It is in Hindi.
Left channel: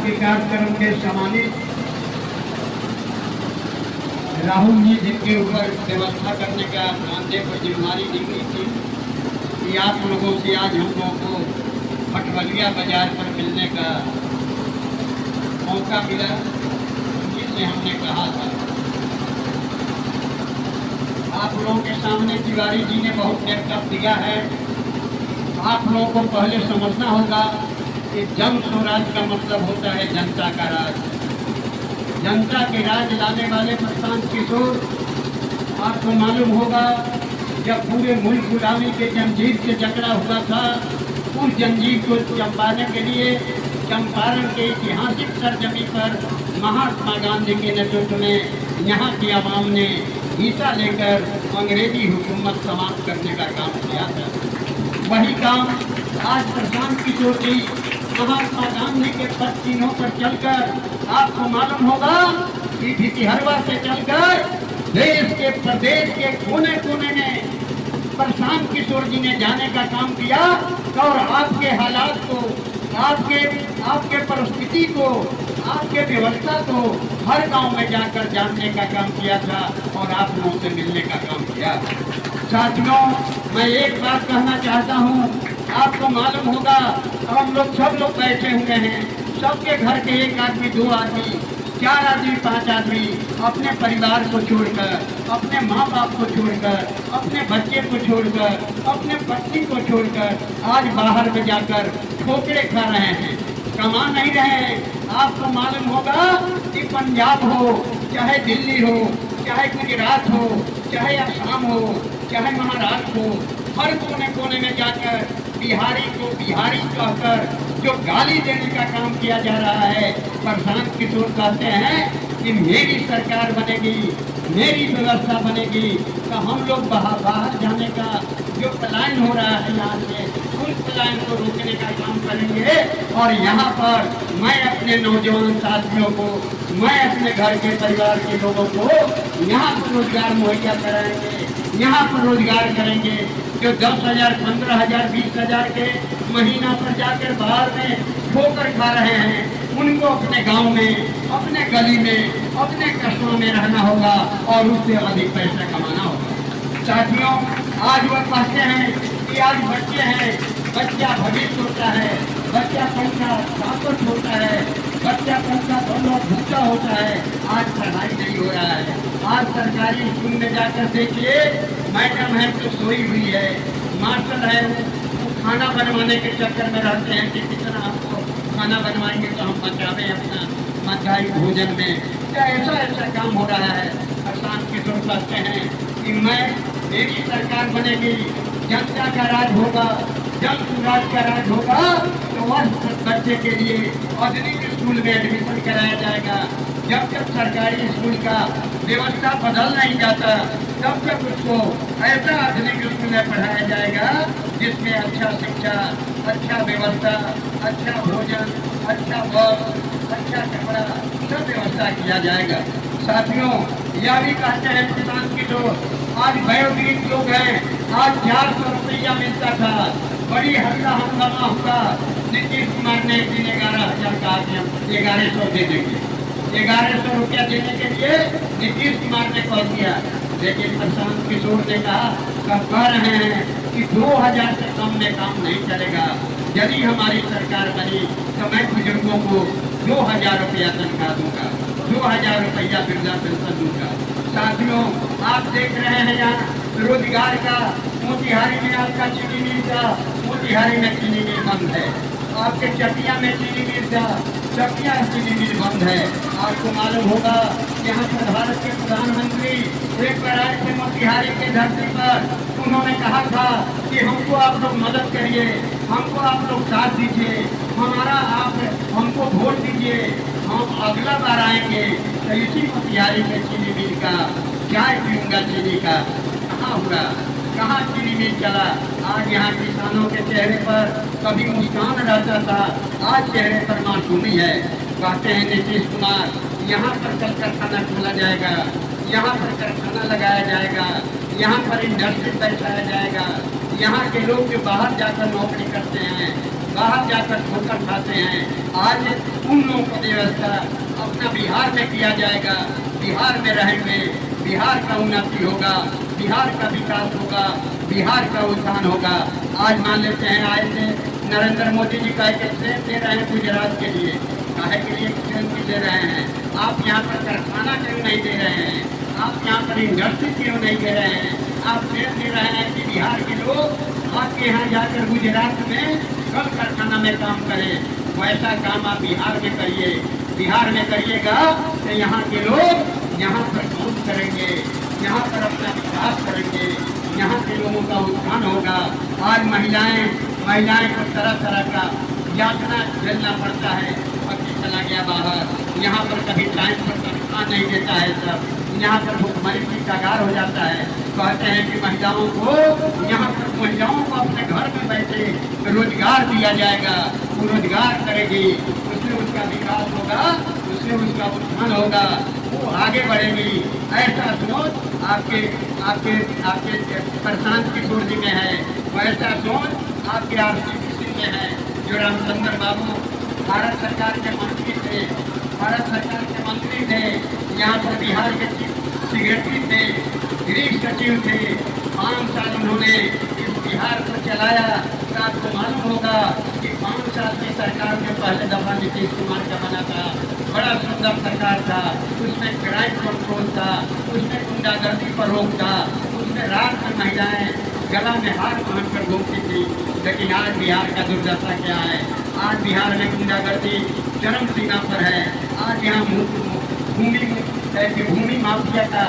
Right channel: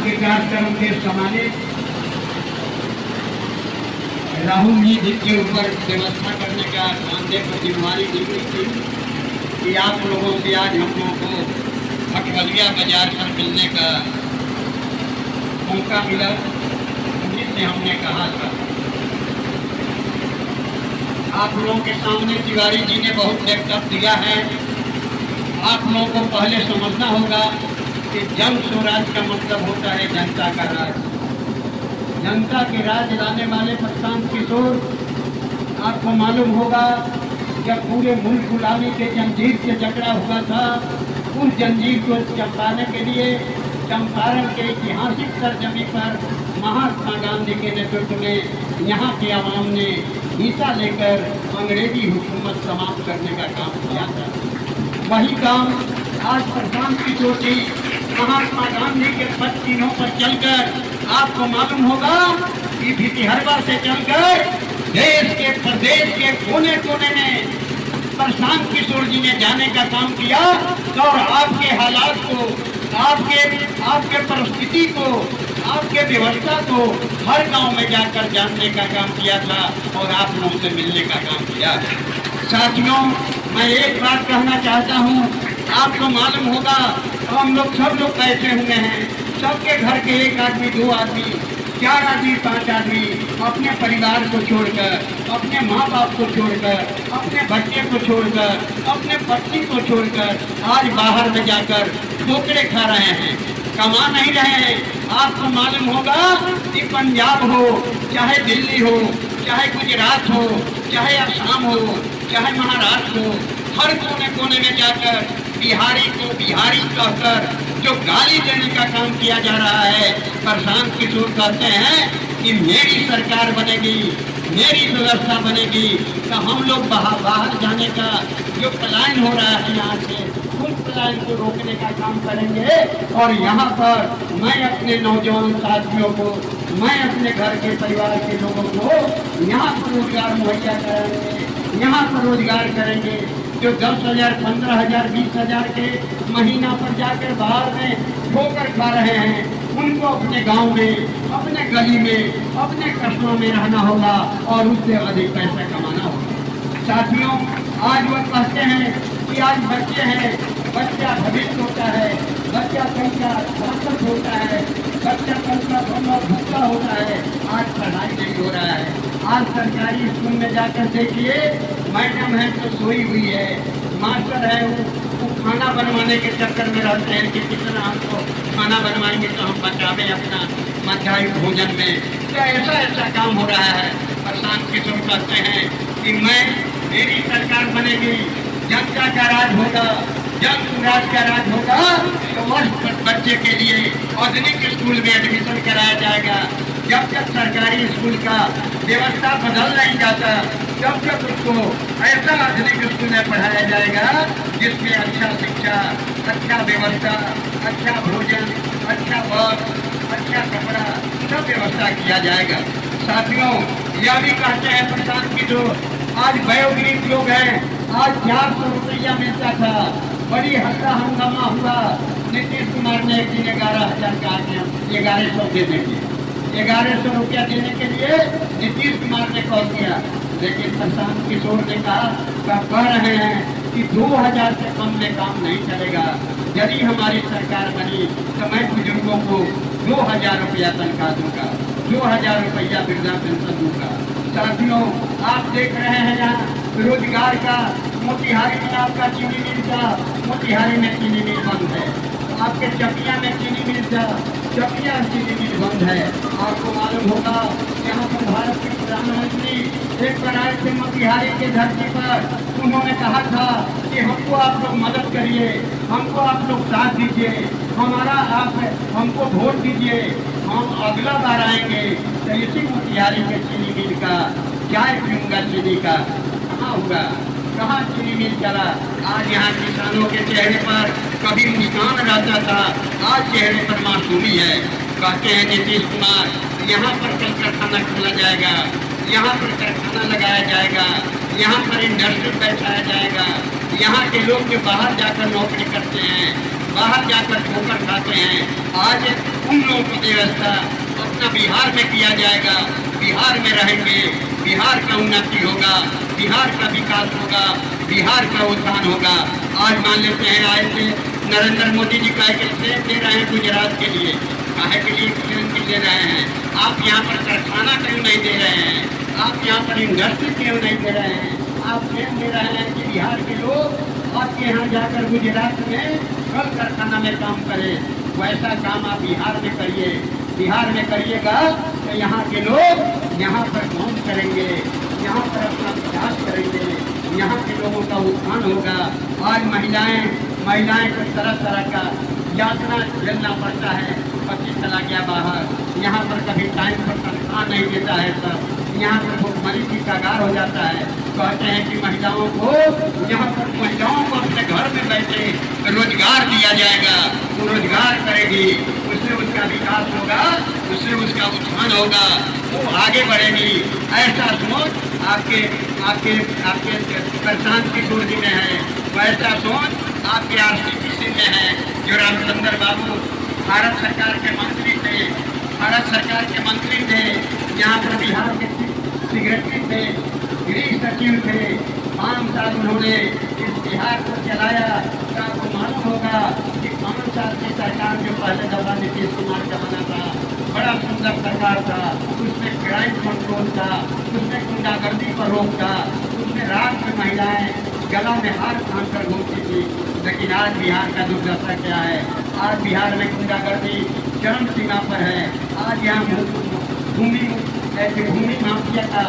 के कार्यक्रम के सम्मानित राहुल जी, जिनके ऊपर व्यवस्था करने का मानदेय पर जिम्मेवारी दी गई थी कि आप लोगों से आज हम लोगों को भटवलिया बाजार पर मिलने का मौका मिला, जिससे हमने कहा था आप लोगों के सामने तिवारी जी ने बहुत वक्तव्य दिया है। आप लोगों को पहले समझना होगा कि जन स्वराज का मतलब होता है जनता का राज। जनता के राज लाने वाले प्रशांत किशोर, आपको मालूम होगा जब पूरे मुल्क गुलामी के जंजीर से जकड़ा हुआ था, उस जंजीर को चंपाने के लिए चंपारण के ऐतिहासिक सरजमी पर महात्मा गांधी के नेतृत्व में यहाँ की आवाम ने हिस्सा लेकर अंग्रेजी हुकूमत समाप्त करने का काम किया था। वही काम आज प्रशांत किशोर जी महात्मा गांधी के पद चिन्हों पर चलकर आपको मालूम होगा कि भितिहरवा से चलकर देश के प्रदेश के कोने कोने में प्रशांत किशोर जी ने जाने का काम किया और आपके हालात को, आपके परिस्थिति को, आपके व्यवस्था को हर गांव में जाकर जानने का काम किया था और आप लोगों से मिलने का काम किया। साथियों, मैं एक बात कहना चाहता हूँ, आपको मालूम होगा हम लोग सब लोग कैसे हुए हैं, सबके घर के एक आदमी, दो आदमी, 4 आदमी, 5 आदमी अपने परिवार को छोड़कर, अपने माँ बाप को छोड़कर, अपने बच्चे को छोड़कर, अपने पत्नी को छोड़कर आज बाहर में जाकर ठोकरे खा रहे हैं, कमा नहीं रहे हैं। आपको मालूम होगा कि पंजाब हो, चाहे दिल्ली हो, चाहे गुजरात हो, चाहे असम हो, चाहे महाराष्ट्र हो, हर कोने कोने में जाकर बिहारी को बिहारी कहकर जो गाली देने का काम किया जा रहा है। प्रशांत किशोर कहते हैं कि मेरी सरकार बनेगी, मेरी व्यवस्था बनेगी, तो हम लोग बाहर जाने का जो पलायन हो रहा है यहाँ से, उन पलायन को रोकने का काम करेंगे। और यहाँ पर मैं अपने नौजवान साथियों को, मैं अपने घर के परिवार के लोगों को यहाँ पर रोजगार मुहैया कराएंगे, यहाँ पर रोजगार करेंगे। जो 10,000, 15,000, 20,000 के महीना पर जाकर बाहर में ठोकर खा रहे हैं, उनको अपने गांव में, अपने गली में, अपने कस्बों में रहना होगा और उससे अधिक पैसा कमाना होगा। साथियों, आज वह कहते हैं कि आज बच्चे हैं, बच्चा भविष्य होता है, बच्चा कल का ताकत होता है, बच्चा कल का बड़ा भूखा होता है। आज पढ़ाई नहीं हो रहा है। आज सरकारी स्कूल में जाकर देखिए, मैडम है तो सोई हुई है, मास्टर है वो खाना बनवाने के चक्कर में रहते हैं कि कितना हमको खाना बनवाएंगे तो हम बचावे अपना मध्याह्न भोजन में। क्या ऐसा काम हो रहा है। प्रशांत किशोर कहते हैं कि मेरी सरकार बनेगी, जनता का राज होगा, जन स्वराज का राज होगा, तो वर्ष बच्चे के लिए आधुनिक स्कूल में एडमिशन कराया जाएगा। जब तक सरकारी स्कूल का व्यवस्था बदल नहीं जाता, तब तक उसको ऐसा आधुनिक स्कूल में पढ़ाया जाएगा जिसमें अच्छा शिक्षा, अच्छा व्यवस्था, अच्छा भोजन, अच्छा बस, अच्छा कपड़ा, सब व्यवस्था किया जाएगा। साथियों, यह भी कहते हैं प्रशांत किशोर, आज वयोवृद्ध लोग हैं, आज 400 रुपया मिलता था, बड़ी हल्ला हंगामा हुआ। नीतीश कुमार ने एक दिन 11,000 का आज्ञा 1100 दे देंगे, 1100 रुपया देने के लिए नीतीश कुमार ने कह दिया। लेकिन प्रशांत किशोर ने कह रहे हैं कि 2,000 से कम में काम नहीं चलेगा। यदि हमारी सरकार बनी तो मैं बुजुर्गों को 2,000 रुपया तनख्वाह दूंगा, 2,000 रुपया वृद्धा पेंशन दूंगा। साथियों, आप देख रहे हैं यहाँ रोजगार का, मोतिहारी में आपका चीनी मिल का, मोतिहारी में चीनी मिल बंद है। आपके चकिया में चीनी मिल का, चकिया चीनी मिल बंद है। आपको मालूम होगा यहाँ पर भारत के प्रधानमंत्री एक बार आए थे मोतिहारी के धरती पर, उन्होंने कहा था कि हमको आप लोग मदद करिए, हमको आप लोग साथ दीजिए, हमको वोट दीजिए, हम अगला बार आएंगे तो इसी मोतिहारी के चीनी मिल का चाय पीऊंगा। चीनी का कहाँ हुआ, कहाँ चीनी मिल चला। आज यहाँ किसानों के चेहरे पर कभी मुस्कान रहता था, आज चेहरे पर मासूमी है। कहते हैं नीतीश कुमार, यहाँ पर कल कारखाना खोला जाएगा, यहाँ पर कारखाना लगाया जाएगा, यहाँ पर इंडस्ट्री बैठाया जाएगा, यहाँ के लोग जो बाहर जाकर नौकरी करते हैं बाहर जाकर ठोकर खाते हैं। आज उन लोगों को व्यवस्था अपना बिहार में किया जाएगा, बिहार में रहेंगे, बिहार का उन्नति होगा, बिहार का विकास होगा, बिहार का उत्थान होगा। आज मान लेते हैं आए थे नरेंद्र मोदी जी का एक ट्रेन दे रहे हैं गुजरात के लिए, काहे के लिए ट्रेन दे रहे हैं? आप यहाँ पर कारखाना क्यों नहीं दे रहे हैं? आप यहाँ पर इंडस्ट्री क्यों नहीं दे रहे हैं? आप ट्रेन दे रहे हैं कि बिहार के लोग आपके यहाँ जाकर गुजरात में कल कारखाना में काम करें। वैसा काम आप बिहार में करिए। बिहार में करिएगा तो यहाँ के लोग यहाँ पर काम करेंगे, यहाँ पर अपना विकास करेंगे, यहाँ के लोगों का उत्थान होगा। आज महिलाएं को तरह तरह का यातना झेलना पड़ता है। कभी चला गया बाहर, यहाँ पर कभी टाइम पर तनख्वाह नहीं देता है सब, यहाँ पर भुखमरी की कगार हो जाता है। कहते हैं कि महिलाओं को यहाँ पर महिलाओं को अपने घर में बैठे रोजगार दिया जाएगा, वो रोजगार करेगी, उससे उसका विकास होगा, उससे उसका उत्थान होगा, वो आगे बढ़ेगी। ऐसा सोच आपके आपके आपके प्रशांत किशोर जी में है, वैसा सोच आपके RCPC में है। जो रामचंद्र बाबू भारत सरकार के मंत्री थे, यहाँ पर बिहार के सेक्रेटरी थे, गृह सचिव थे, 5 साल उन्होंने इस बिहार को चलाया। तो आपको मालूम होगा कि 5 साल की सरकार के पहले दफा नीतीश कुमार का बना था, बड़ा सुंदर सरकार था। उसमें क्राइम कंट्रोल था, उसमें गुंडागर्दी पर रोक था, उसमें रात में महिलाएं गला में हार बांधकर घूमती थी। लेकिन आज बिहार का दुर्दशा क्या है? आज बिहार में गुंडागर्दी चरम सीमा पर है। आज यहाँ भूमि माफिया का